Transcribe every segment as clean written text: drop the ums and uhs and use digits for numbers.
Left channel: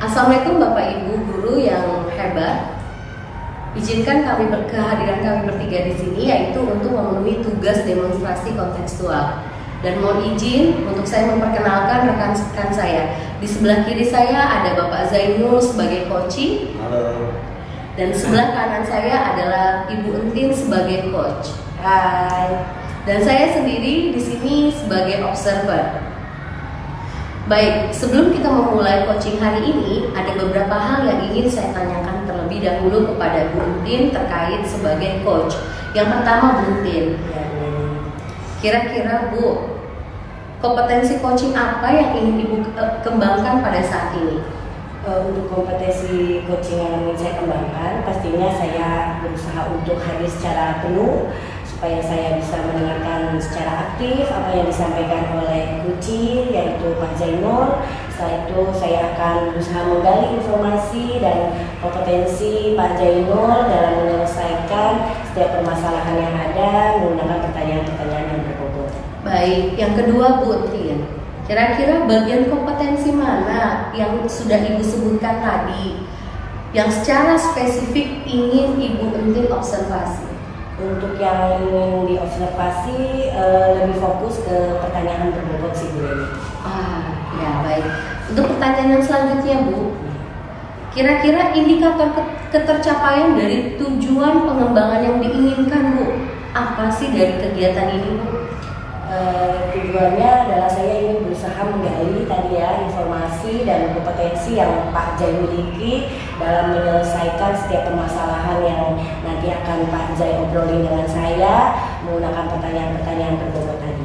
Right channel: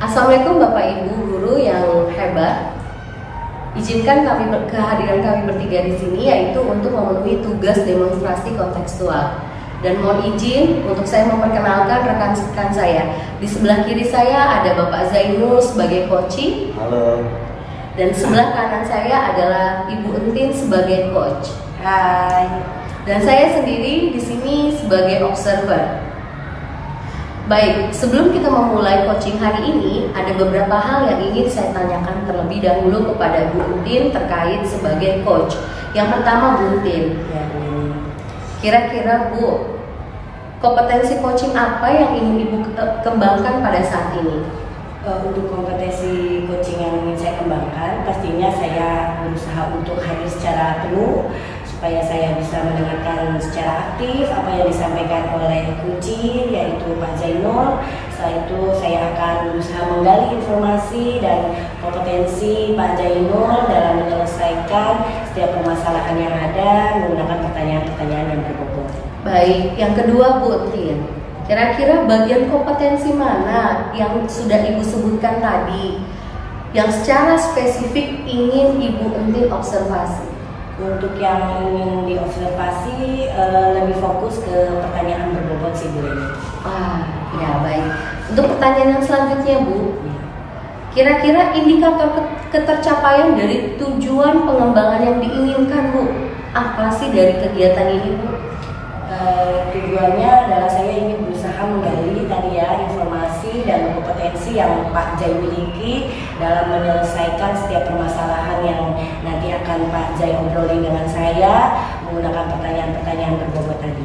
Assalamualaikum Bapak Ibu guru yang hebat. Izinkan kehadiran kami bertiga di sini yaitu untuk memenuhi tugas demonstrasi kontekstual. Dan mohon izin untuk saya memperkenalkan rekan-rekan saya. Di sebelah kiri saya ada Bapak Zainul sebagai coach. Halo. Dan sebelah kanan saya adalah Ibu Entin sebagai coach. Hai. Dan saya sendiri di sini sebagai observer. Baik, sebelum kita memulai coaching hari ini, ada beberapa hal yang ingin saya tanyakan terlebih dahulu kepada Bu Entin terkait sebagai coach. Yang pertama, Bu Entin, kira-kira Bu, kompetensi coaching apa yang ingin Ibu kembangkan pada saat ini? Untuk kompetensi coaching yang ingin saya kembangkan, pastinya saya berusaha untuk hadir secara penuh supaya saya bisa mendengarkan secara aktif apa yang disampaikan oleh kunci yaitu Pak Zainul. Setelah itu saya akan berusaha menggali informasi dan kompetensi Pak Zainul dalam menyelesaikan setiap permasalahan yang ada menggunakan pertanyaan-pertanyaan yang berbobot. Baik, yang kedua Bu Entin, kira-kira bagian kompetensi mana yang sudah Ibu sebutkan tadi yang secara spesifik ingin Ibu Entin observasi? Untuk yang ingin diobservasi lebih fokus ke pertanyaan berbobot sih Bu ini. Ya baik. Untuk pertanyaan yang selanjutnya Bu, kira-kira indikator ketercapaian dari tujuan pengembangan yang diinginkan Bu, apa sih dari kegiatan ini Bu? Tujuannya adalah saya ingin berusaha menggali tadi ya informasi dan kompetensi yang Pak Jai miliki dalam menyelesaikan setiap permasalahan yang nanti akan Pak Jai obrolin dengan saya menggunakan pertanyaan-pertanyaan berbobot tadi.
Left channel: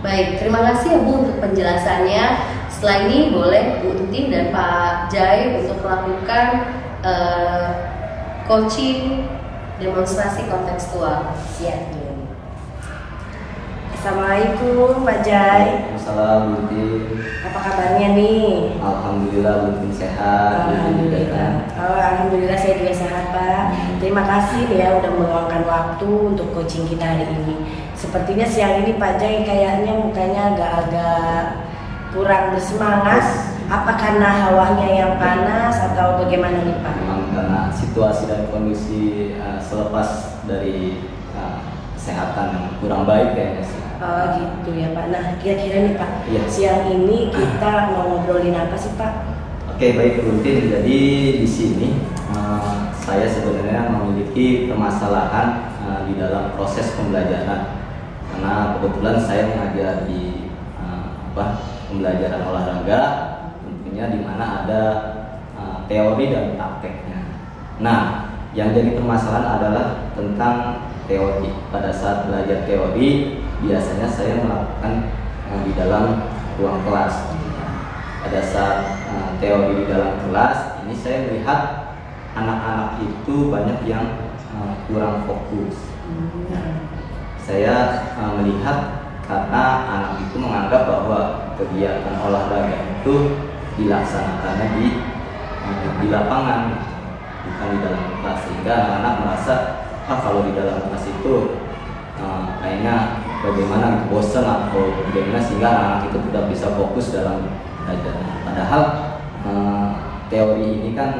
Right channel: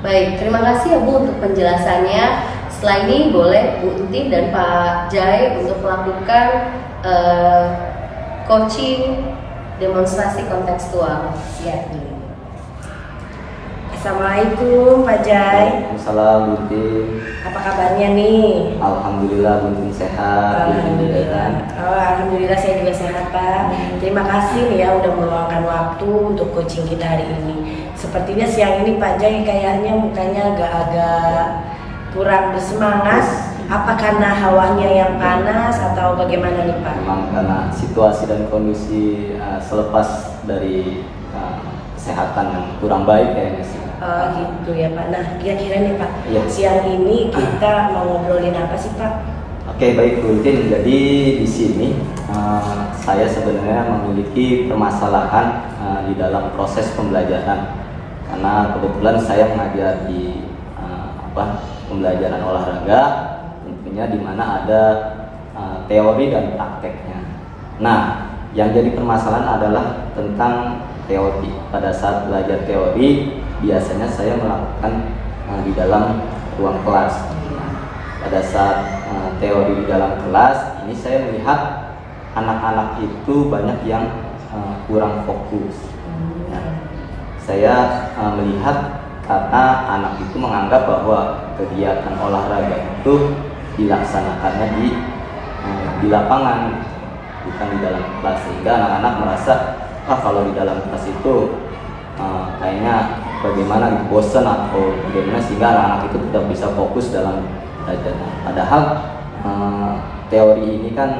Baik, terima kasih ya Bu untuk penjelasannya. Setelah ini boleh Bu Entin dan Pak Jai untuk melakukan coaching demonstrasi kontekstual. Siap Bu. Assalamualaikum Pak Jai. Waalaikumsalam Bintin. Apa kabarnya nih? Alhamdulillah Bintin sehat. Alhamdulillah. Alhamdulillah saya juga sehat Pak. Terima kasih nih ya udah meluangkan waktu untuk coaching kita hari ini. Sepertinya siang ini Pak Jai kayaknya mukanya agak-agak kurang bersemangat. Apa karena hawanya yang panas atau bagaimana nih Pak? Memang karena situasi dan kondisi selepas dari kesehatan yang kurang baik kayaknya sih. Oh gitu ya Pak. Nah kira-kira nih Pak, Iya. siang ini kita mau ngobrolin apa sih Pak? Oke baik Bintin. Jadi di sini saya sebenarnya memiliki permasalahan di dalam proses pembelajaran karena kebetulan saya mengajar di pembelajaran olahraga, tentunya di mana ada teori dan prakteknya. Nah, yang jadi permasalahan adalah tentang teori. Pada saat belajar teori, biasanya saya melakukan di dalam ruang kelas. Pada saat teori di dalam kelas, ini saya melihat anak-anak itu banyak yang kurang fokus. Nah, saya melihat karena anak itu menganggap bahwa kegiatan olahraga itu dilaksanakannya di lapangan, bukan di dalam kelas, sehingga anak-anak merasa kalau di dalam kelas itu kayaknya bagaimana bosan atau bagaimana, sehingga anak-anak itu tidak bisa fokus dalam belajarnya. Padahal teori ini kan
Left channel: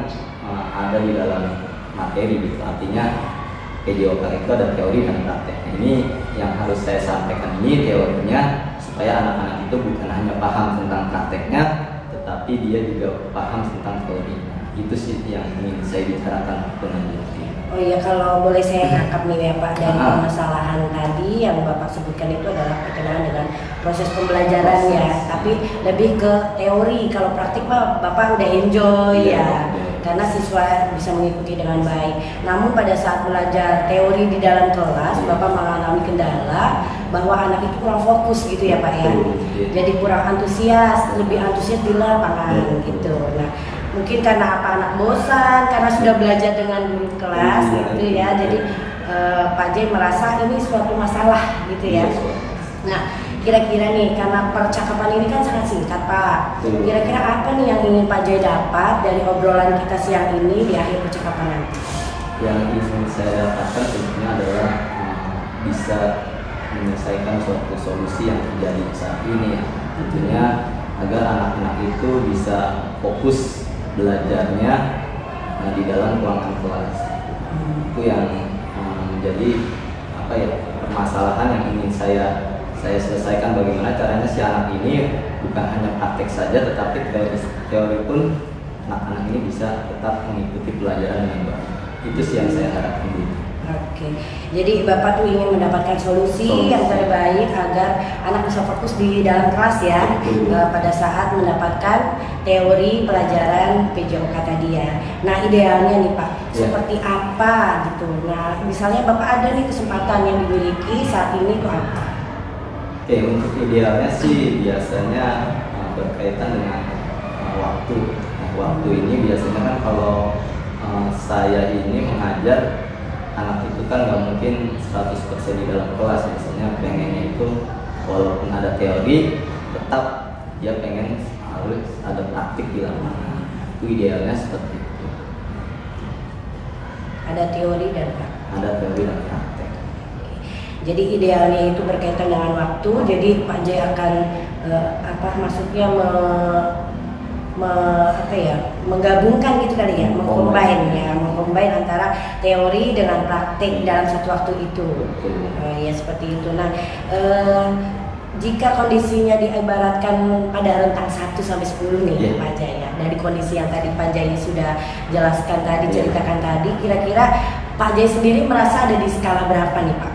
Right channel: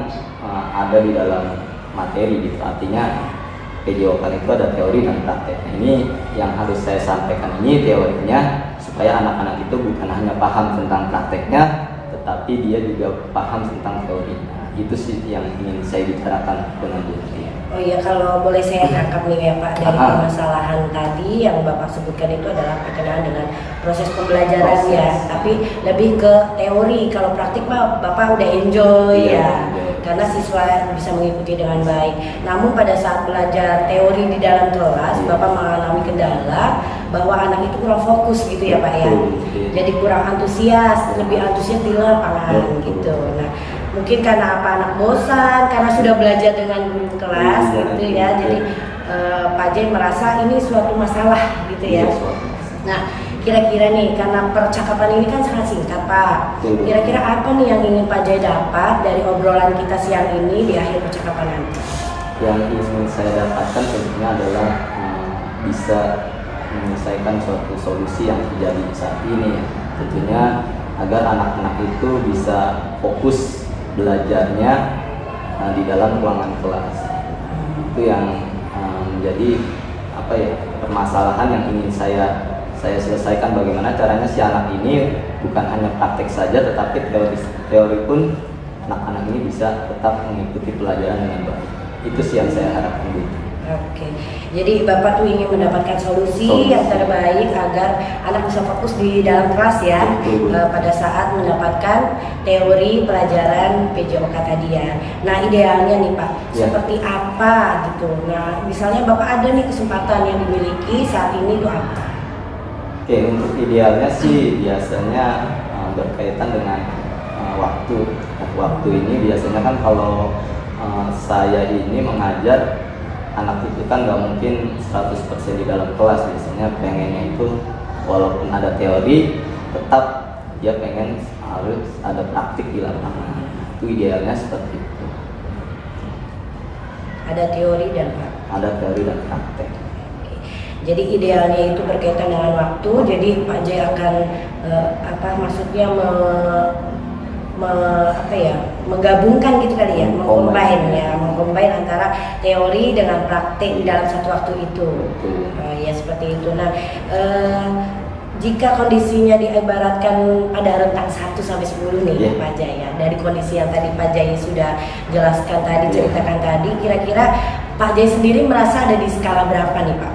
ada di dalam materi gitu, artinya PJOK itu ada teori dan praktek. Nah, ini yang harus saya sampaikan, ini teorinya supaya anak-anak itu bukan hanya paham tentang prakteknya, tetapi dia juga paham tentang teorinya. Itu sih yang ingin saya bicarakan dengan dia. Oh iya, kalau boleh saya tangkap nih ya Pak, dari permasalahan tadi yang Bapak sebutkan itu adalah berkenaan dengan proses pembelajaran ya, tapi lebih ke teori. Kalau praktik mah Bapak udah enjoy ya, karena siswa bisa mengikuti dengan baik. Namun pada saat belajar teori di dalam kelas, Bapak mengalami kendala bahwa anak itu kurang fokus gitu ya Pak ya. Jadi kurang antusias, lebih antusias di lapangan gitu. Nah, mungkin karena apa, anak bosan karena sudah belajar dengan guru kelas gitu ya. Jadi Pak Jai merasa ini suatu masalah gitu ya. Nah, kira-kira nih karena percakapan ini kan sangat singkat Pak. Kira-kira apa nih yang ingin Pak Jai dapat dari obrolan kita siang ini di akhir percakapan nanti? Yang ingin saya dapatkan tentunya adalah bisa menyelesaikan suatu solusi yang terjadi saat ini. Tentunya agar anak-anak itu bisa fokus belajarnya di dalam ruangan kelas. Itu yang menjadi permasalahan yang ingin saya selesaikan, bagaimana caranya si anak ini bukan hanya praktek saja, tetapi teori pun anak-anak ini bisa tetap mengikuti pelajaran dengan baik. Itu sih yang saya harapkan dulu. Oke, jadi Bapak tuh ingin mendapatkan solusi yang terbaik agar anak bisa fokus di dalam kelas ya, pada saat mendapatkan teori pelajaran PJOK tadi ya. Nah idealnya nih Pak, seperti apa gitu? Nah misalnya Bapak ada nih kesempatan yang dimiliki saat ini tuh apa? Oke, untuk idealnya sih biasanya berkaitan dengan waktu. Nah, waktu ini biasanya kan kalau saya ini mengajar anak itu kan nggak mungkin 100% di dalam kelas. Biasanya pengennya itu walaupun ada teori, tetap dia pengen harus ada praktik di lapangan. Itu idealnya seperti itu. Ada teori dan praktik. Ada teori dan praktik. Jadi idealnya itu berkaitan dengan waktu. Jadi Pak Jai akan menggabungkan gitu kali ya, mengcombine antara teori dengan praktik dalam satu waktu itu. Ya seperti itu. Nah, jika kondisinya diibaratkan pada rentang 1 sampai 10 nih Pak Jai ya, dari kondisi yang tadi Pak Jai sudah jelaskan tadi, ceritakan tadi, kira-kira Pak Jai sendiri merasa ada di skala berapa nih Pak?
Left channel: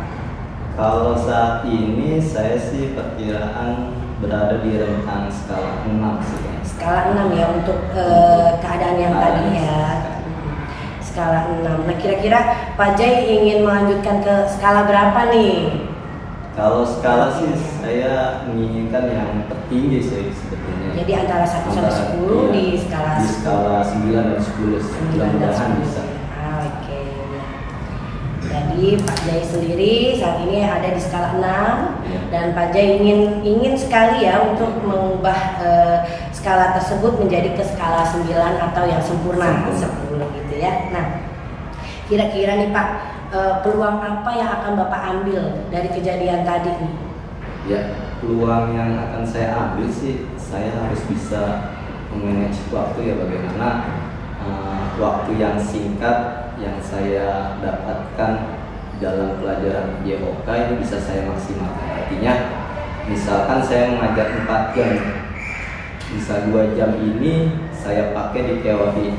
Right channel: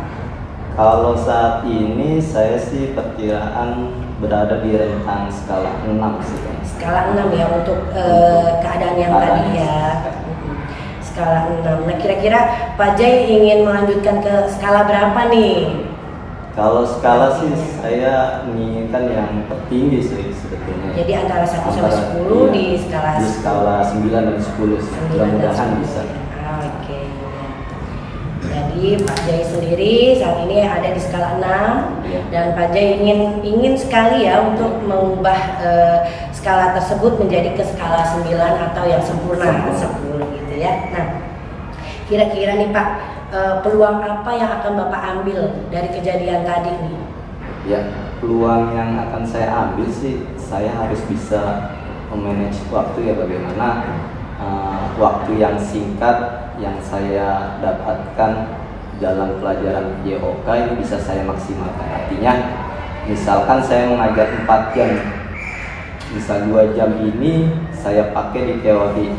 Kalau saat ini saya sih perkiraan berada di rentang skala 6 sih. Skala 6 ya untuk keadaan yang tadi ya. Skala 6. Nah kira-kira Pak Jai ingin melanjutkan ke skala berapa nih? Kalau skala sih saya menginginkan yang tertinggi sih sebetulnya. Jadi antara 1 sampai 10 di skala 9 dan 10. Mudah-mudahan bisa. Oke. Jadi Pak Jai sendiri saat ini ada di skala 6 dan Pak Jai ingin sekali ya untuk mengubah skala tersebut menjadi ke skala 9 atau yang sempurna 10 gitu ya. Nah, kira-kira nih Pak, peluang apa yang akan Bapak ambil dari kejadian tadi nih? Ya, peluang yang akan saya ambil sih, saya harus bisa memanage waktu ya, bagaimana waktu yang singkat yang saya dapatkan dalam pelajaran PJOK ini bisa saya maksimalkan. Artinya, misalkan saya mengajar 4 jam, bisa 2 jam ini saya pakai di teori,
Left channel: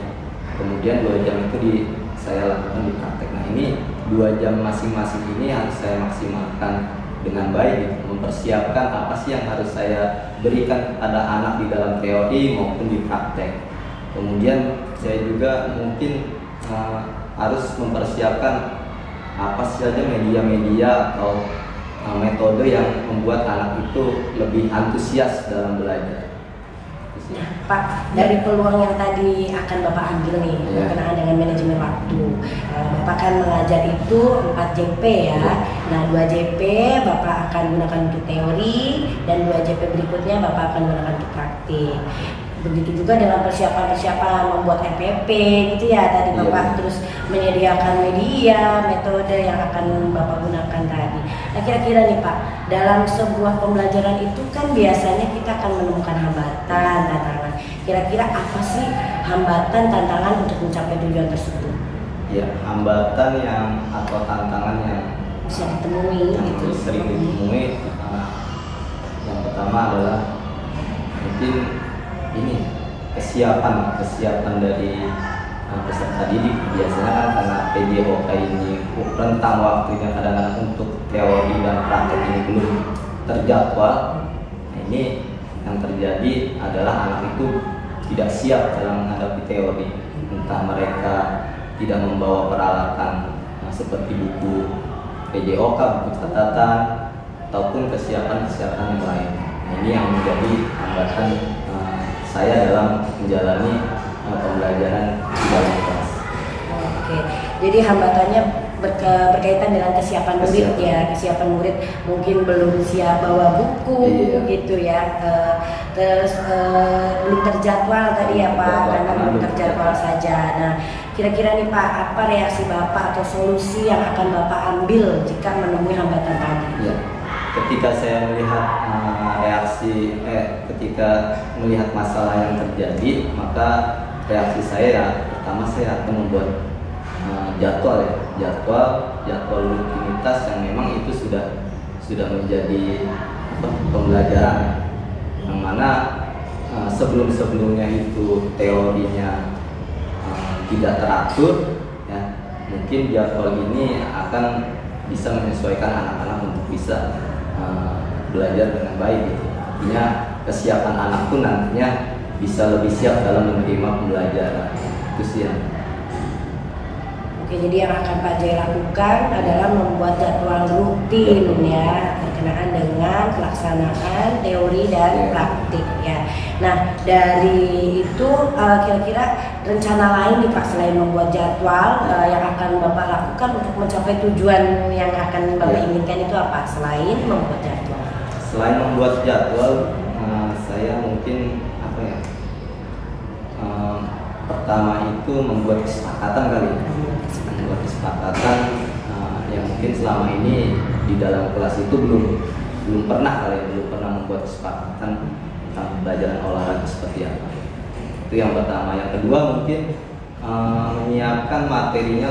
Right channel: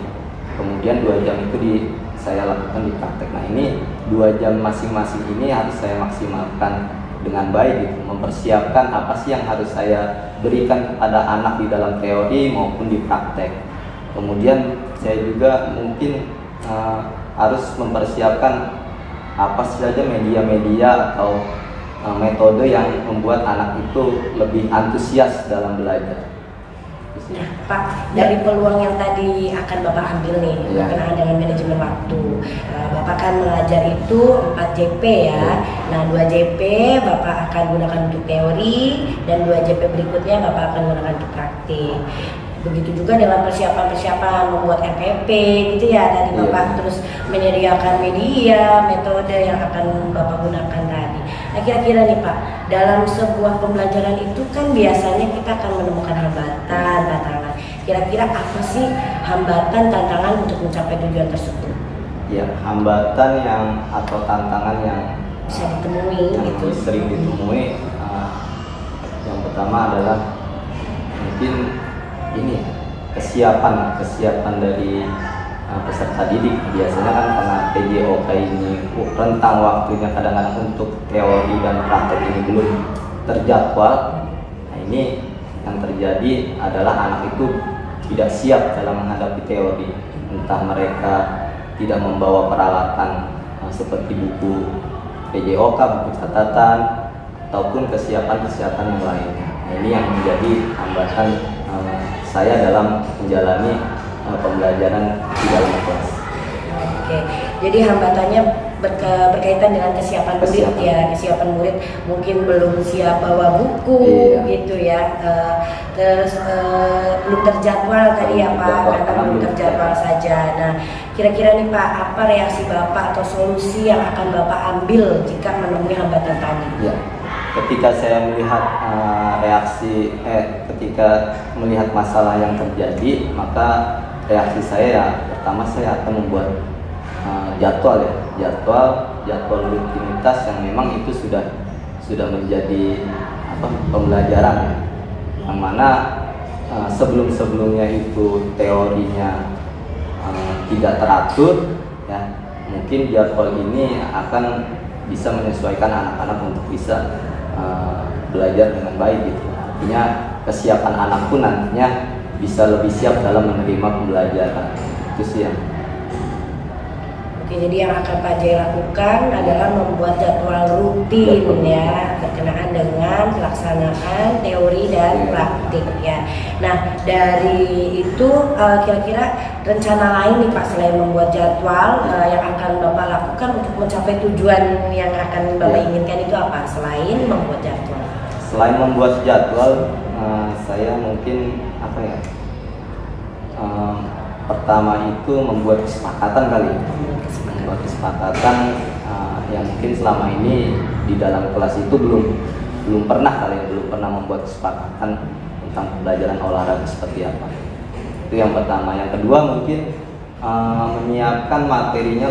kemudian 2 jam itu saya lakukan di praktek. Nah ini 2 jam masing-masing ini harus saya maksimalkan dengan baik gitu, mempersiapkan apa sih yang harus saya berikan kepada anak di dalam teori maupun di praktek. Kemudian saya juga mungkin harus mempersiapkan apa saja media-media atau metode yang membuat anak itu lebih antusias dalam belajar. Nah, Pak, dari peluang yang tadi akan Bapak ambil nih berkenaan dengan manajemen waktu, Bapak kan mengajar itu 4 JP ya. Nah, 2 JP Bapak akan gunakan untuk teori dan 2 JP berikutnya Bapak akan gunakan untuk praktik. Begitu juga dalam persiapan membuat RPP gitu ya tadi Bapak terus menyediakan media, metode yang akan Bapak gunakan tadi. Nah kira-kira nih Pak, dalam sebuah pembelajaran itu kan biasanya kita akan menemukan hambatan, tantangan. Kira-kira apa sih hambatan, tantangan untuk mencapai tujuan tersebut? Ya, hambatan atau tantangan yang bisa ditemui gitu. Sering ditemui. Yang pertama adalah mungkin ini kesiapan dari peserta didik. Biasanya kan karena PJOK ini rentang waktunya kadang-kadang untuk teori dan praktek ini belum terjadwal. Nah, ini yang terjadi adalah anak itu tidak siap dalam menghadapi teori, entah mereka tidak membawa peralatan seperti buku PJOK, buku catatan, ataupun kesiapan yang lain. Nah, ini yang menjadi hambatan saya dalam menjalani pembelajaran di dalam kelas. Oke, jadi hambatannya berkaitan dengan kesiapan murid ya. Kesiapan murid mungkin belum siap bawa buku gitu ya. Terus belum terjadwal tadi ya Pak, karena belum terjadwal saja. Nah, kira-kira nih Pak, apa reaksi Bapak atau solusi yang akan Bapak ambil jika menemui hambatan tadi? Ya. Ketika saya melihat ketika melihat masalah yang terjadi, maka reaksi saya ya pertama saya akan membuat jadwal rutinitas yang memang itu sudah menjadi pembelajaran ya, yang mana sebelumnya itu teorinya tidak teratur ya, mungkin jadwal ini akan bisa menyesuaikan anak-anak untuk bisa belajar dengan baik gitu. Artinya kesiapan anak pun nantinya bisa lebih siap dalam menerima pembelajaran. Itu sih ya. Oke, jadi yang akan Pak Jai lakukan adalah membuat jadwal rutin ya, berkenaan dengan pelaksanaan teori dan praktik ya. Nah, dari itu kira-kira rencana lain nih Pak, selain membuat jadwal yang akan Bapak lakukan untuk mencapai tujuan yang akan Bapak inginkan itu apa? Selain membuat jadwal. Selain membuat jadwal, saya mungkin pertama itu membuat kesepakatan kali. Membuat kesepakatan yang mungkin selama ini di dalam kelas itu belum pernah membuat kesepakatan tentang pembelajaran olahraga seperti apa. Itu yang pertama. Yang kedua mungkin menyiapkan materinya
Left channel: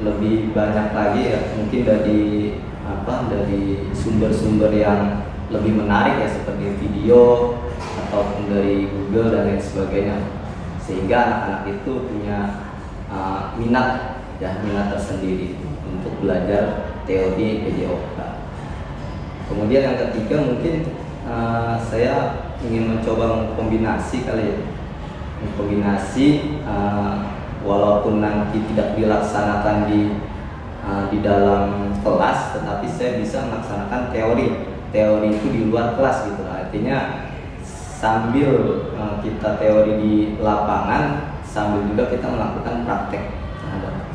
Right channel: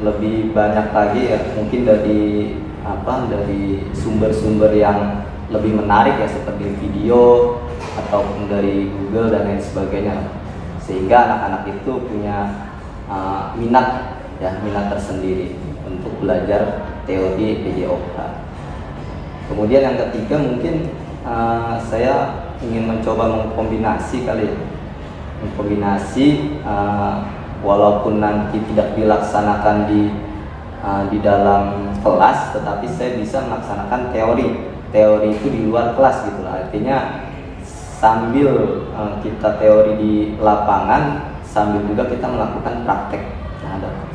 lebih banyak lagi ya, mungkin dari sumber-sumber yang lebih menarik ya, seperti video ataupun dari Google dan lain sebagainya, sehingga anak-anak itu punya minat tersendiri untuk belajar teori PJOK. Kemudian yang ketiga mungkin saya ingin mencoba mengkombinasi walaupun nanti tidak dilaksanakan di dalam kelas, tetapi saya bisa melaksanakan teori itu di luar kelas gitu lah. Artinya sambil kita teori di lapangan, sambil juga kita melakukan praktek,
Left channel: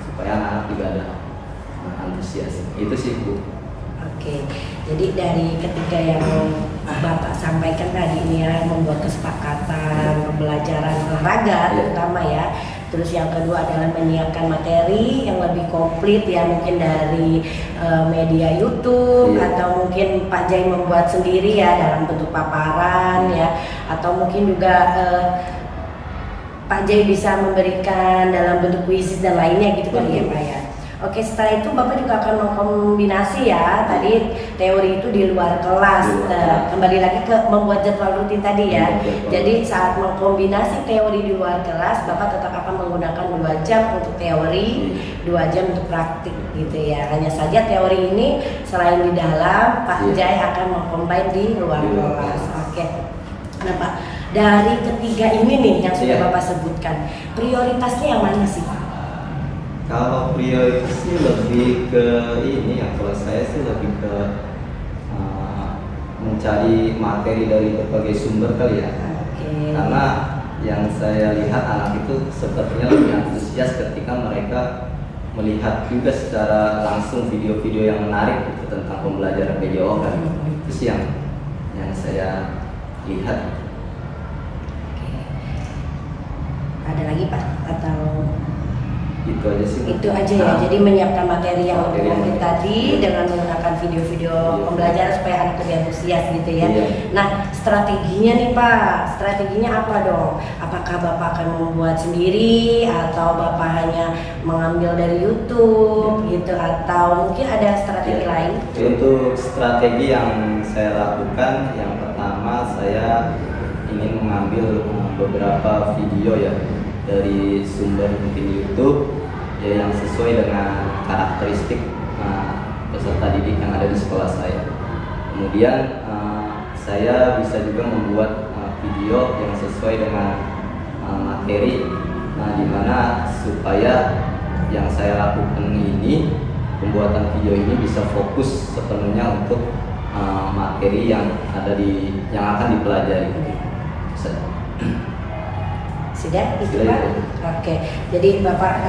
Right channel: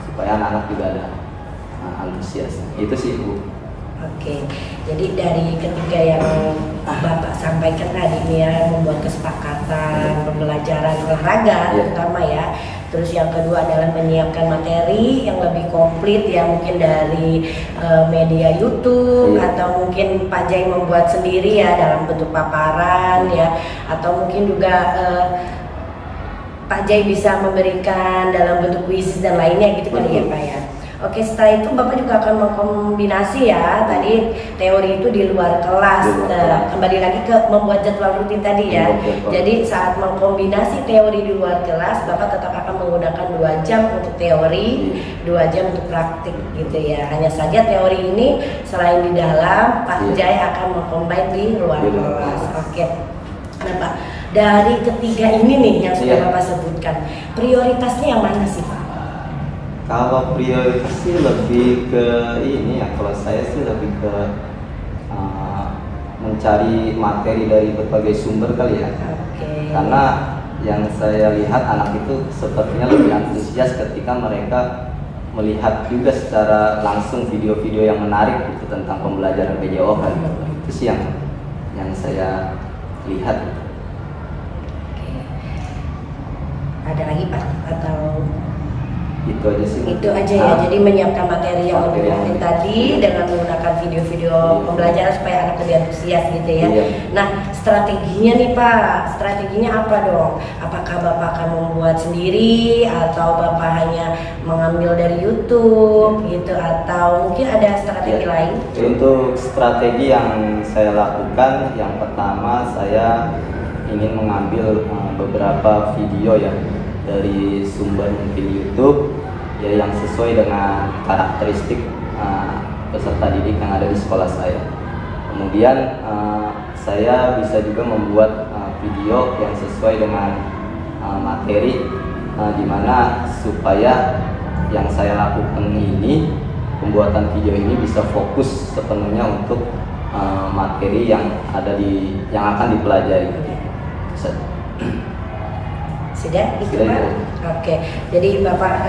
supaya anak-anak juga ada antusias. Itu sih Bu. Oke, jadi dari ketiga yang Bapak sampaikan tadi ini ya, membuat kesepakatan pembelajaran olahraga terutama ya. Terus yang kedua adalah menyiapkan materi yang lebih komplit ya, mungkin dari media YouTube atau mungkin Pak Jai membuat sendiri ya dalam bentuk paparan ya, atau mungkin juga Pak Jai bisa memberikan dalam bentuk kuisis dan lainnya gitu kali ya Pak ya. Oke, setelah itu Bapak juga akan mengkombinasi ya, tadi teori itu di luar kelas. Kembali lagi ke membuat jadwal rutin tadi ya. Jadi saat mengkombinasi teori di luar kelas, Bapak tetap akan menggunakan 2 jam untuk teori, 2 jam untuk praktik gitu ya. Hanya saja teori ini selain di dalam, Pak Jai akan mengcombine di luar kelas. Oke. Nah Pak, dari ketiga ini nih yang sudah Bapak sebutkan, prioritasnya yang mana sih Pak? Kalau prioritas sih lebih ke ini ya, kalau saya sih lebih ke mencari materi dari berbagai sumber kali ya. Karena yang saya lihat anak itu sepertinya lebih antusias ketika mereka melihat juga secara langsung video-video yang menarik gitu tentang pembelajaran PJOK. Itu sih yang saya lihat. Ada lagi Pak atau? Itu aja sih. Itu aja ya. Jadi menyiapkan materi yang lebih komplit tadi dengan menggunakan video-video pembelajaran supaya anak lebih antusias gitu ya. Nah, strateginya nih Pak, strateginya apa dong? Apakah Bapak akan membuat sendiri atau Bapak hanya mengambil dari YouTube gitu, atau mungkin ada strategi lain? Untuk strategi yang saya lakukan, yang pertama saya ingin mengambil beberapa video ya dari sumber di YouTube ya, yang sesuai dengan karakteristik peserta didik yang ada di sekolah saya. Kemudian saya bisa juga membuat video yang sesuai dengan materi, dimana supaya yang saya lakukan ini, pembuatan video ini bisa fokus sepenuhnya untuk materi yang akan dipelajari. Sudah itu Pak? Oke, jadi Bapak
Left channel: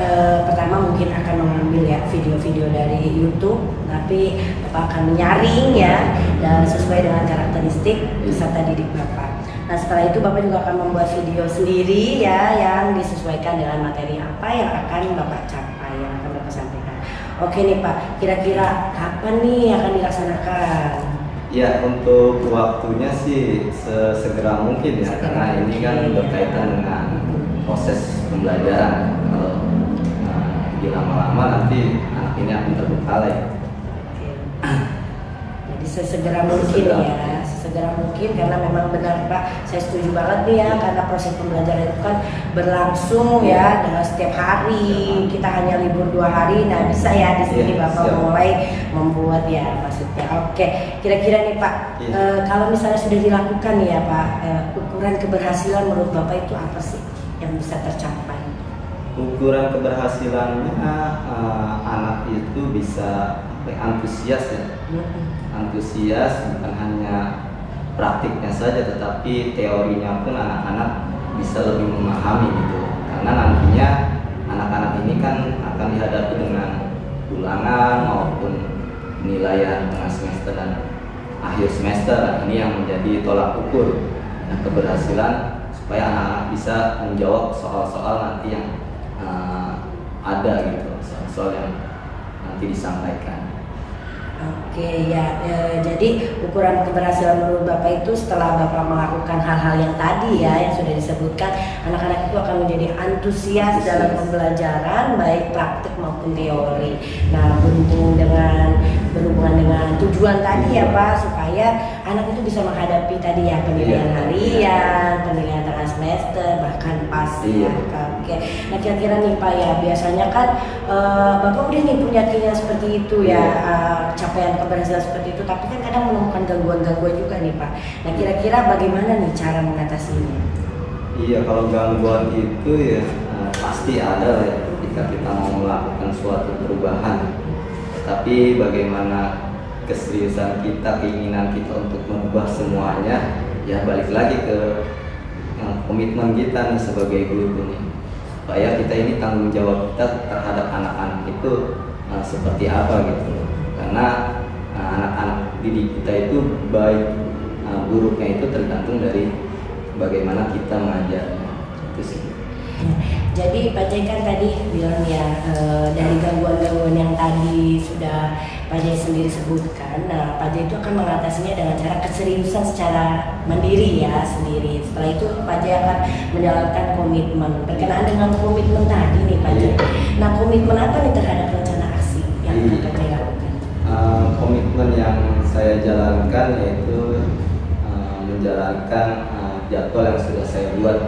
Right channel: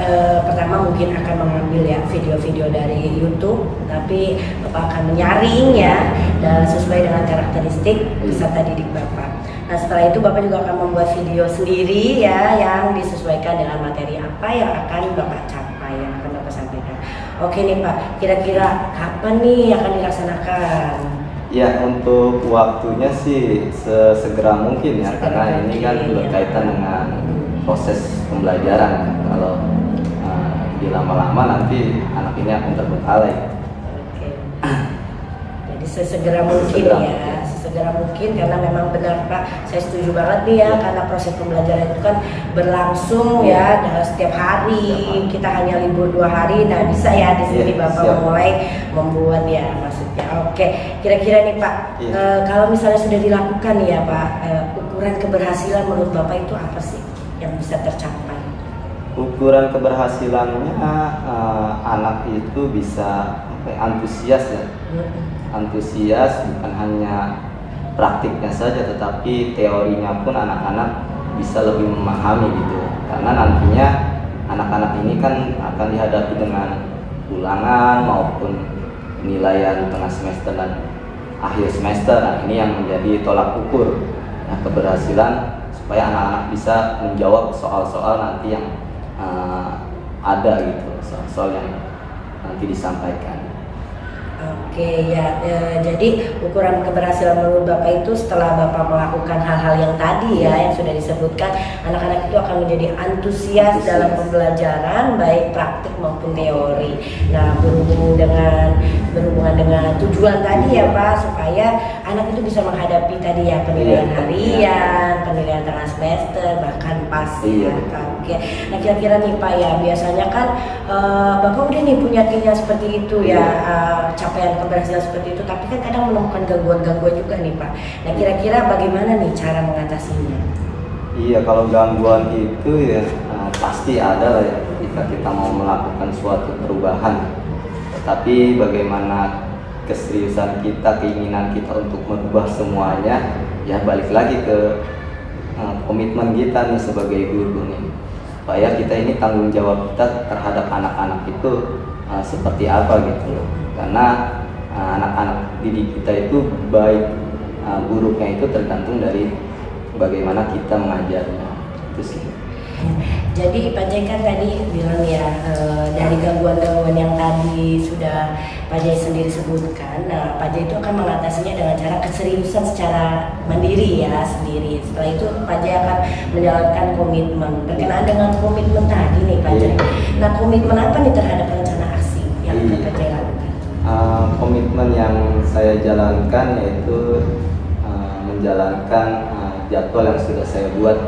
pertama mungkin akan mengambil ya video-video dari YouTube, tapi Bapak akan menyaring ya dan sesuai dengan karakteristik peserta didik Bapak. Nah setelah itu Bapak juga akan membuat video sendiri ya, yang disesuaikan dengan materi apa yang akan Bapak capai, yang akan Bapak sampaikan. Oke nih Pak, kira-kira kapan nih akan dilaksanakan? Ya, untuk waktunya sih sesegera mungkin ya, karena ini kan berkaitan dengan proses pembelajaran. Kalau di lama-lama nanti anak ini akan terbengkalai. Jadi sesegera mungkin ya, sesegera mungkin, karena memang benar Pak, saya setuju banget nih ya, karena proses pembelajaran itu kan berlangsung ya setiap hari, kita hanya libur 2 hari, nah bisa ya di sini Bapak mulai membuat ya maksudnya. Oke, kira-kira nih Pak, kalau misalnya sudah dilakukan nih ya Pak, ukuran keberhasilan menurut Bapak itu apa sih yang bisa tercapai? Ukuran keberhasilannya anak itu bisa antusias ya, antusias bukan hanya praktiknya saja, tetapi teorinya pun anak-anak bisa lebih memahami gitu. Karena nantinya anak-anak ini kan akan dihadapi dengan ulangan maupun penilaian tengah semester dan akhir semester. Nah, ini yang menjadi tolak ukur keberhasilan supaya anak-anak bisa menjawab soal-soal nanti yang ada gitu, soal-soal yang nanti disampaikan. Oke ya, jadi ukuran keberhasilan menurut Bapak itu setelah Bapak melakukan hal-hal yang tadi ya, yang sudah disebutkan, anak-anak itu akan menjadi antusias dalam pembelajaran baik praktik maupun teori. Nah, berhubungan dengan tujuan tadi ya Pak, supaya anak itu bisa menghadapi tadi ya penilaian harian, penilaian tengah semester, bahkan pas ya kan. Oke. Nah, kira-kira nih Pak ya, biasanya kan Bapak udah nih punya keinginan seperti itu ya, capaian keberhasilan seperti itu, tapi kan kadang menemukan gangguan-gangguan juga nih Pak. Nah, kira-kira bagaimana nih cara mengatasinya? Iya, kalau gangguan itu ya pasti ada ya ketika kita mau melakukan suatu perubahan. Tapi bagaimana keseriusan kita, keinginan kita untuk merubah semuanya, ya balik lagi ke komitmen kita nih sebagai guru nih, supaya kita ini tanggung jawab kita terhadap anak-anak itu seperti apa gitu. Karena anak-anak didik kita itu baik buruknya itu tergantung dari bagaimana kita mengajarnya. Itu sih. Jadi Pak Jai kan tadi bilang ya, dari gangguan-gangguan yang tadi sudah Pak Jai sendiri sebutkan, nah Pak Jai itu akan mengatasinya dengan cara keseriusan secara mandiri ya sendiri. Setelah itu Pak Jai akan menjalankan komitmen. Berkenaan dengan komitmen tadi nih Pak Jai, nah komitmen apa nih terhadap rencana aksi yang akan Pak Jai lakukan? Komitmen yang saya jalankan yaitu menjalankan jadwal yang sudah saya buat,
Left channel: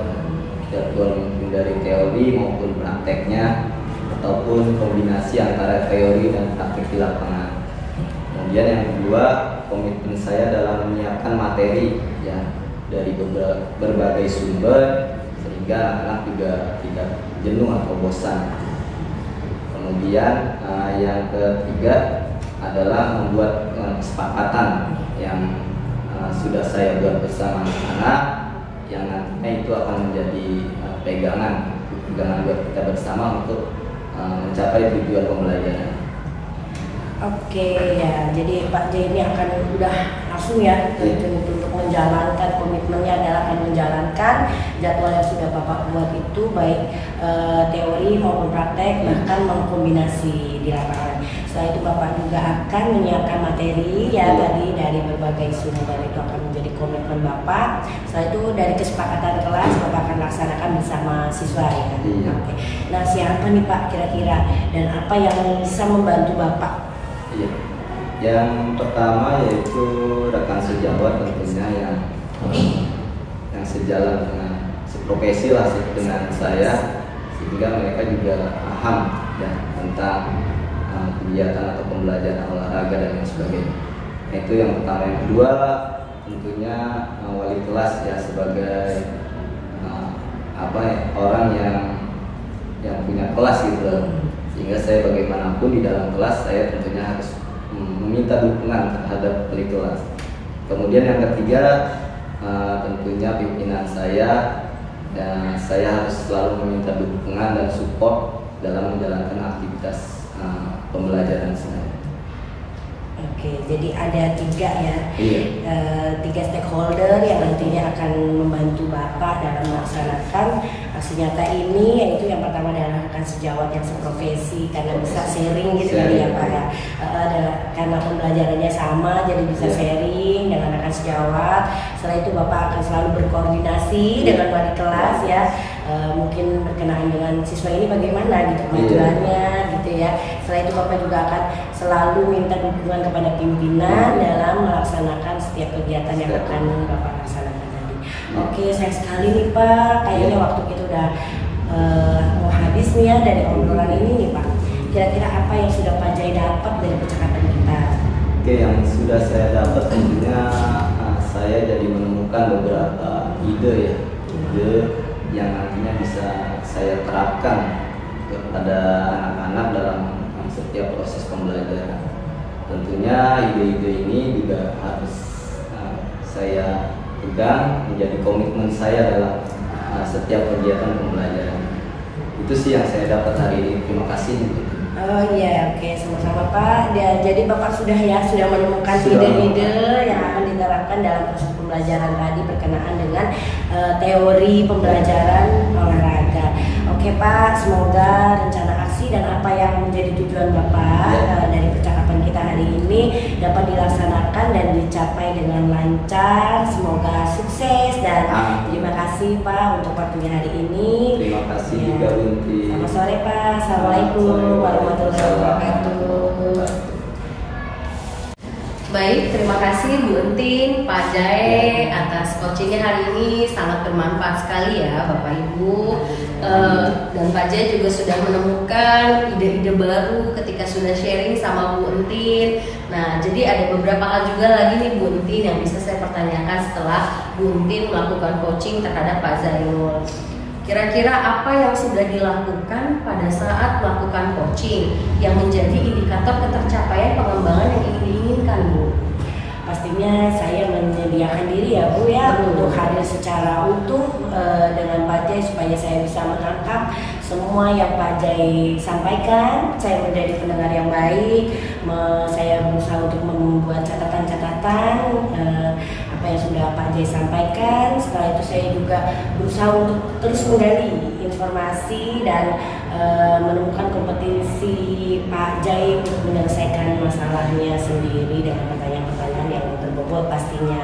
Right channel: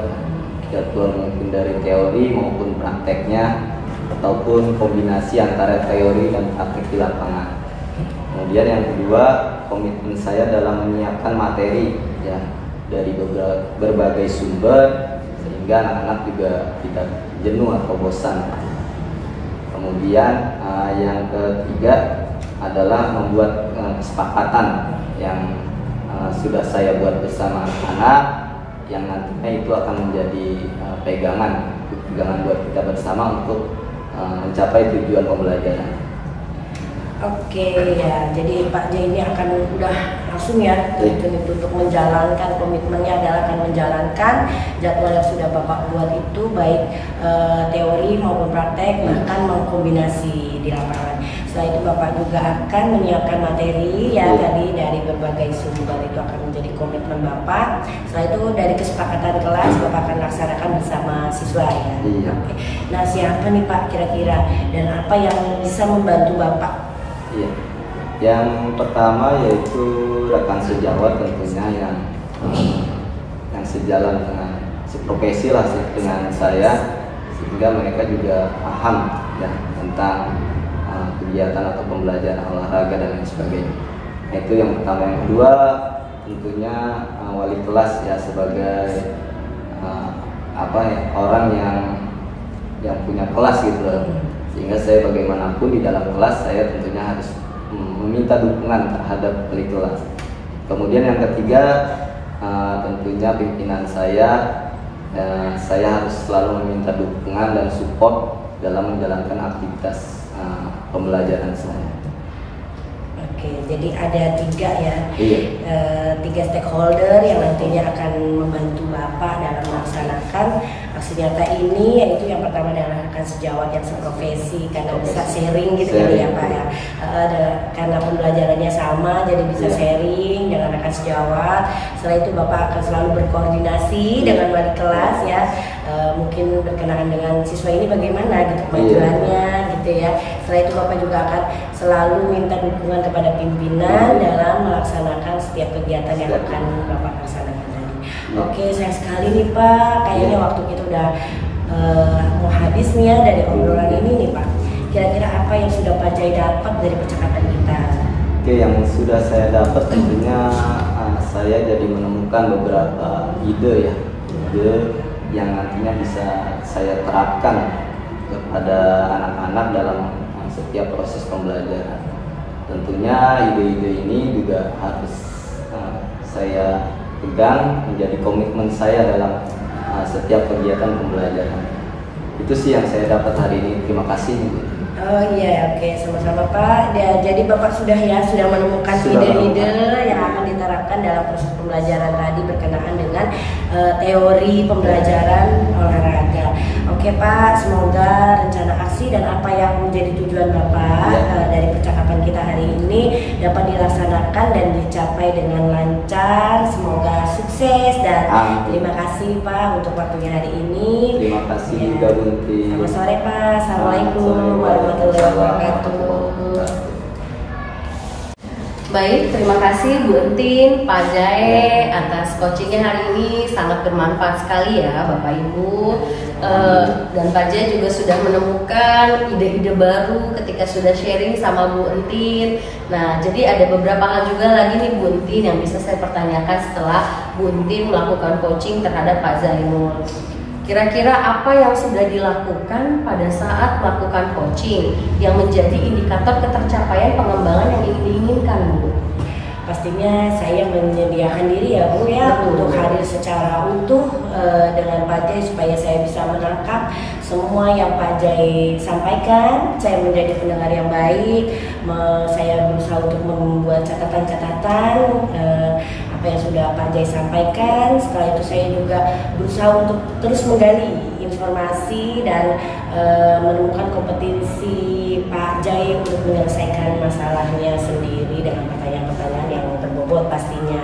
jadwal mungkin dari teori maupun prakteknya, ataupun kombinasi antara teori dan praktek di lapangan. Kemudian yang kedua, komitmen saya dalam menyiapkan materi ya dari berbagai sumber sehingga anak-anak juga tidak jenuh atau bosan. Kemudian yang ketiga adalah membuat kesepakatan yang sudah saya buat bersama anak-anak, yang nantinya itu akan menjadi pegangan buat kita bersama untuk mencapai tujuan pembelajaran. Oke ya, jadi Pak J ini akan udah langsung ya untuk menjalankan komitmennya adalah akan menjalankan jadwal yang sudah Bapak buat itu, baik teori maupun praktek, bahkan mengkombinasi di lapangan. Setelah itu Bapak juga akan menyiapkan materi ya tadi dari berbagai sumber, itu akan menjadi komitmen Bapak. Setelah itu dari kesepakatan kelas Bapak akan laksanakan bersama siswa ya. Oke. Nah, siapa nih Pak kira-kira dan apa yang bisa membantu Bapak? Iya. Yang pertama yaitu rekan sejawat tentunya yang sejalan dengan seprofesi lah dengan saya, sehingga mereka juga paham ya tentang kegiatan atau pembelajaran olahraga dan sebagainya. Itu yang pertama. Yang kedua tentunya wali kelas ya sebagai orang yang punya kelas gitu. Sehingga saya bagaimanapun di dalam kelas saya tentunya harus meminta dukungan terhadap wali kelas. Kemudian yang ketiga tentunya pimpinan saya harus selalu meminta dukungan dan support dalam menjalankan aktivitas pembelajaran saya. Oke, jadi ada tiga ya, tiga stakeholder yang nantinya akan membantu Bapak dalam melaksanakan aksi nyata ini, yaitu yang pertama adalah rekan sejawat yang seprofesi karena bisa sharing gitu kali ya Pak ya, karena pembelajarannya sama jadi bisa sharing dengan rekan sejawat. Setelah itu Bapak akan selalu berkoordinasi dengan wali kelas ya, mungkin berkenaan dengan siswa ini bagaimana gitu kemajuannya gitu ya. Setelah itu Bapak juga akan selalu minta dukungan kepada pimpinan dalam melaksanakan setiap kegiatan yang akan Bapak laksanakan tadi. Oke, sayang sekali nih Pak, kayaknya waktu kita udah mau habis nih ya dari obrolan ini nih Pak. Kira-kira apa yang sudah Pak Jai dapat dari percakapan kita? Oke, yang sudah saya dapat tentunya saya jadi menemukan beberapa ide yang nantinya bisa saya terapkan kepada anak-anak dalam setiap proses pembelajaran. Tentunya ide-ide ini juga harus saya pegang menjadi komitmen saya dalam setiap kegiatan pembelajaran. Itu sih yang saya dapat hari ini. Terima kasih. Oh iya, oke, sama-sama Pak. Jadi Bapak sudah menemukan ide-ide yang akan diterapkan dalam proses pembelajaran tadi berkenaan dengan teori pembelajaran olahraga. Oke Pak, semoga rencana aksi dan apa yang menjadi tujuan Bapak dari percakapan kita hari ini dapat dilaksanakan dan dicapai dengan lancar. Semoga sukses dan terima kasih Pak untuk waktunya hari ini. Terima kasih juga Bunti. Selamat sore Pak. Assalamualaikum warahmatullahi wabarakatuh. Baik, terima kasih Bu Entin, Pak Jai atas coachingnya hari ini, sangat bermanfaat sekali ya Bapak Ibu. Dan Pak Jai juga sudah menemukan ide-ide baru ketika sudah sharing sama Bu Entin. Nah, jadi ada beberapa hal juga lagi nih Bu Entin yang bisa saya pertanyakan setelah Bu Entin melakukan coaching terhadap Pak Zainul. Kira-kira apa yang sudah dilakukan pada saat melakukan coaching yang menjadi indikator ketercapaian pengembangan yang ingin diinginkan, Bu? Pastinya saya menyediakan diri ya Bu ya untuk hadir secara utuh dengan Pak Jai supaya saya bisa menangkap semua yang Pak Jai sampaikan. Saya menjadi pendengar yang baik, saya berusaha untuk membuat catatan-catatan apa yang sudah Pak Jai sampaikan. Setelah itu saya juga berusaha untuk terus menggali informasi dan menemukan kompetensi Pak Jai untuk menyelesaikan masalahnya sendiri dengan pertanyaan-pertanyaan yang berbobot pastinya.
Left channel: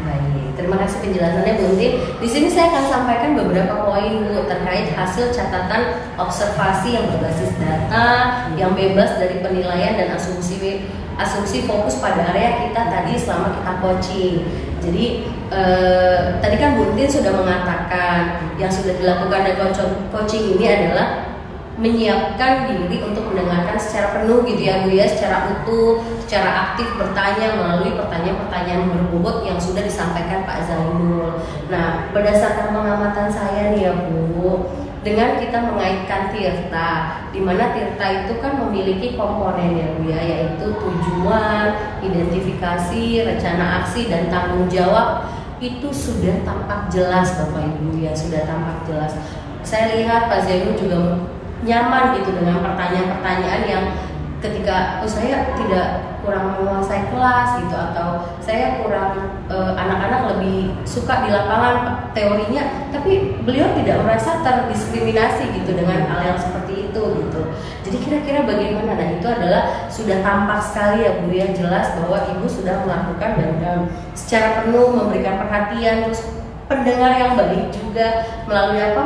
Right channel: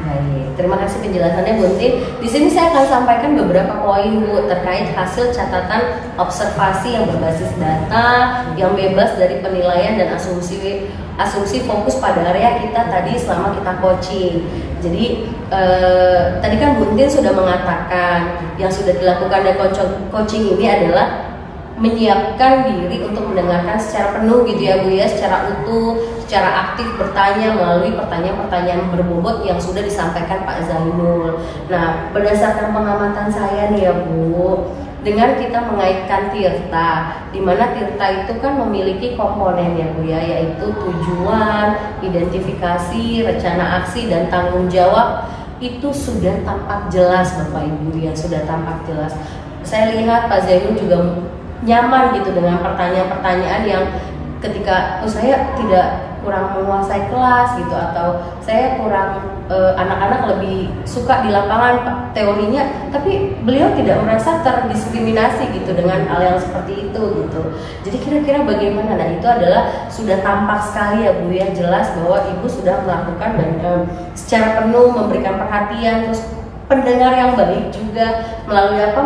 Baik, terima kasih penjelasannya Bu Entin. Di sini saya akan sampaikan beberapa poin Bu terkait hasil catatan observasi yang berbasis data, yang bebas dari penilaian dan asumsi fokus pada area kita tadi selama kita coaching. Jadi tadi kan Bu Entin sudah mengatakan yang sudah dilakukan dari coaching ini adalah menyiapkan diri untuk mendengarkan secara penuh gitu ya Bu ya, secara utuh, secara aktif bertanya melalui pertanyaan-pertanyaan berbobot yang sudah disampaikan Pak Zainul. Nah, berdasarkan pengamatan saya nih ya Bu, dengan kita mengaitkan Tirta, di mana Tirta itu kan memiliki komponen ya Bu ya, yaitu tujuan, identifikasi, rencana aksi, dan tanggung jawab, itu sudah tampak jelas Bapak Ibu ya, sudah tampak jelas. Saya lihat Pak Zainul juga nyaman gitu dengan pertanyaan-pertanyaan yang ketika saya tidak kurang menguasai kelas gitu, atau saya kurang anak-anak lebih suka di lapangan teorinya, tapi beliau tidak merasa terdiskriminasi gitu dengan hal yang seperti itu gitu. Jadi kira-kira bagaimana? Nah, itu adalah sudah tampak sekali ya Bu ya, jelas bahwa Ibu sudah melakukan dan secara penuh memberikan perhatian, terus pendengar yang baik juga melalui apa,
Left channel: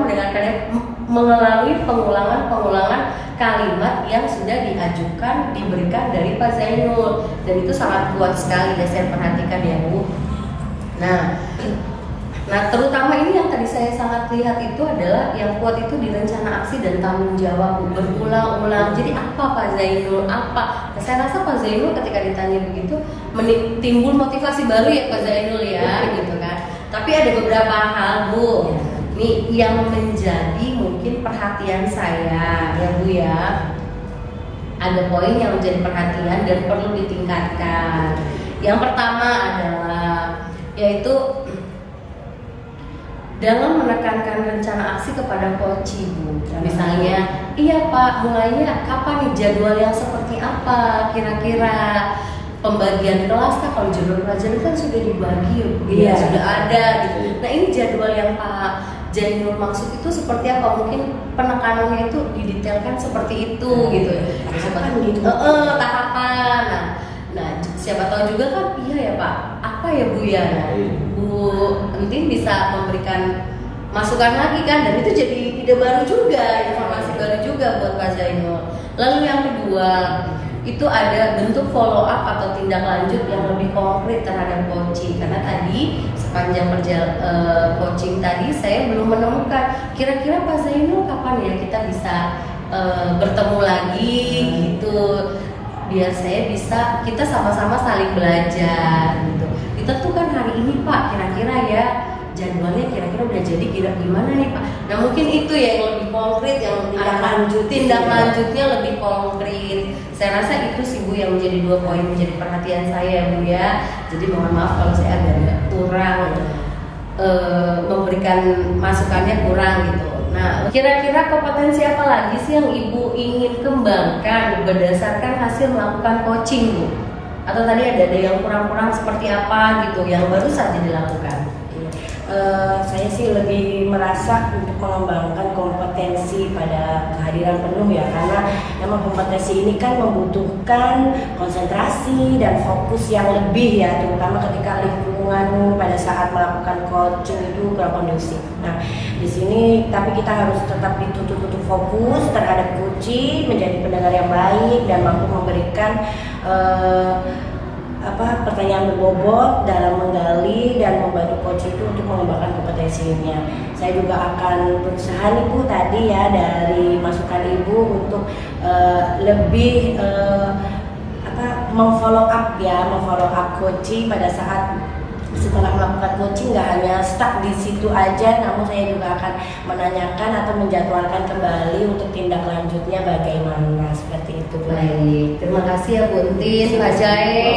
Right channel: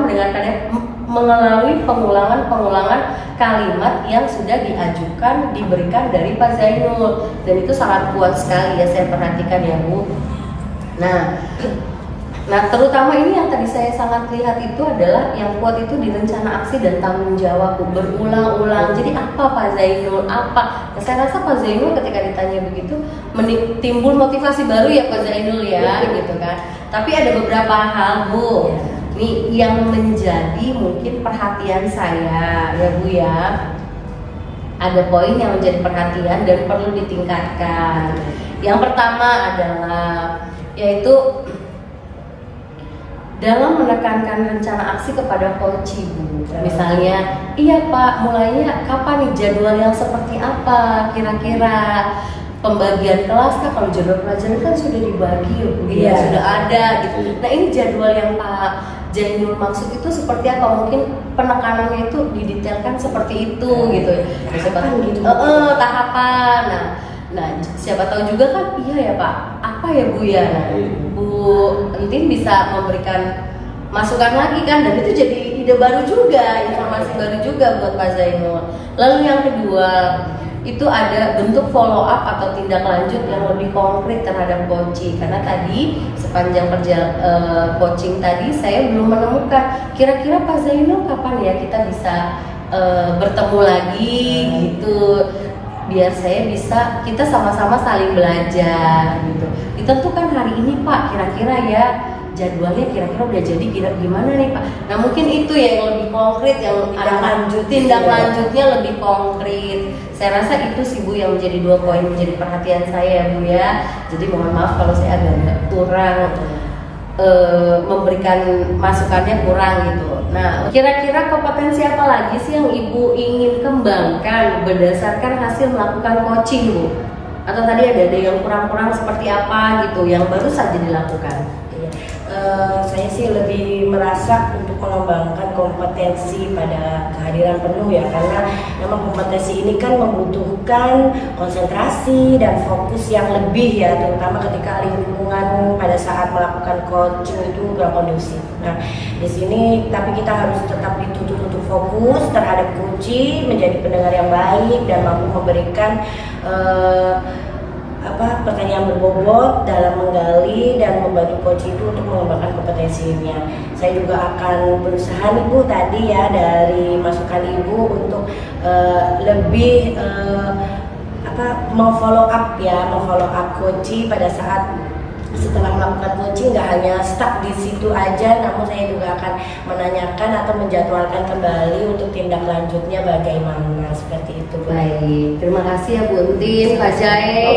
melalui pengulangan kalimat yang sudah diajukan, diberikan dari Pak Zainul, dan itu sangat kuat sekali dan saya perhatikan ya Bu. Nah terutama ini yang tadi saya sangat lihat itu adalah yang kuat itu di rencana aksi dan tanggung jawab Bu, berulang-ulang. Jadi apa Pak Zainul, apa? Nah, saya rasa Pak Zainul ketika ditanya begitu timbul motivasi baru ya Pak Zainul ya gitu kan. Tapi ada beberapa hal Bu ini yang menjadi mungkin perhatian saya ya Bu ya. Ada poin yang menjadi perhatian dan perlu ditingkatkan. Yang pertama adalah yaitu dalam menekankan rencana aksi kepada coach Bu. Misalnya, iya Pak, mulainya kapan nih, jadwal yang seperti apa kira-kira? Pembagian kelas kan, kalau jadwal pelajaran kan sudah dibagi, ya, sudah ada gitu. Nah, ini jadwal yang Pak Zainul maksud itu seperti apa? Mungkin penekanannya itu didetailkan seperti itu gitu. Tahapan gitu. Tahapan. Nah, siapa tahu juga kan, iya ya Pak, apa ya Bu ya? Nah, Bu Entin bisa memberikan masukan lagi kan, dan itu jadi ide baru juga, informasi baru juga buat Pak Zainul. Lalu yang kedua itu ada bentuk follow up atau tindak lanjut yang lebih konkret terhadap coaching, karena tadi sepanjang coaching tadi saya belum menemukan kira-kira Pak Zainul kapan ya kita bisa bertemu lagi gitu, biar saya bisa kita sama-sama saling belajar gitu. Ditentukan hari ini Pak, kira-kira ya jadwalnya kira-kira udah jadi gimana nih Pak. Nah mungkin itu ya yang lebih konkret, yang tindak lanjutnya lebih konkret. Saya rasa itu sih Bu yang menjadi 2 poin menjadi perhatian saya ya Bu ya. Jadi mohon maaf kalau saya agak kurang memberikan masukannya kurang gitu. Nah kira-kira kompetensi apa lagi sih yang Ibu ingin kembangkan berdasarkan hasil melakukan coaching Bu? Atau tadi ada yang kurang-kurang seperti apa gitu yang baru saja dilakukan? Saya sih lebih merasa untuk mengembangkan kompetensi pada kehadiran penuh ya, karena memang kompetensi ini kan membutuhkan konsentrasi dan fokus yang lebih ya, terutama ketika lingkungan pada saat melakukan coaching itu nggak kondusif. Nah di sini tapi kita harus tetap dituntut fokus terhadap kunci, menjadi pendengar yang baik dan mampu memberikan pertanyaan berbobot dalam menggali dan membantu coach itu untuk mengembangkan kompetensinya. Saya juga akan berusaha nih Bu tadi ya dari masukan Ibu untuk lebih memfollow up coach pada saat setelah melakukan coaching, nggak hanya stuck di situ aja, namun saya juga akan menanyakan atau menjadwalkan kembali untuk tindak lanjutnya bagaimana, seperti itu. Baik, terima kasih ya Bu Entin, Pak Jae.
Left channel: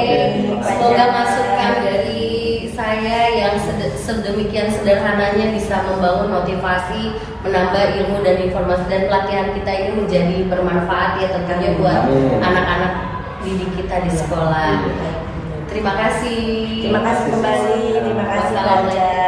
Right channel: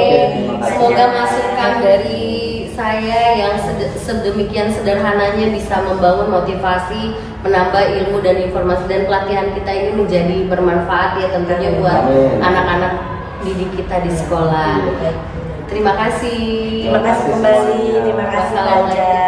Semoga masukan dari saya yang sedemikian sederhananya bisa membangun motivasi, menambah ilmu dan informasi, dan pelatihan kita ini menjadi bermanfaat ya tentunya buat anak-anak didik kita di sekolah. Terima kasih. Terima kasih kembali. Terima kasih. Wassalamualaikum.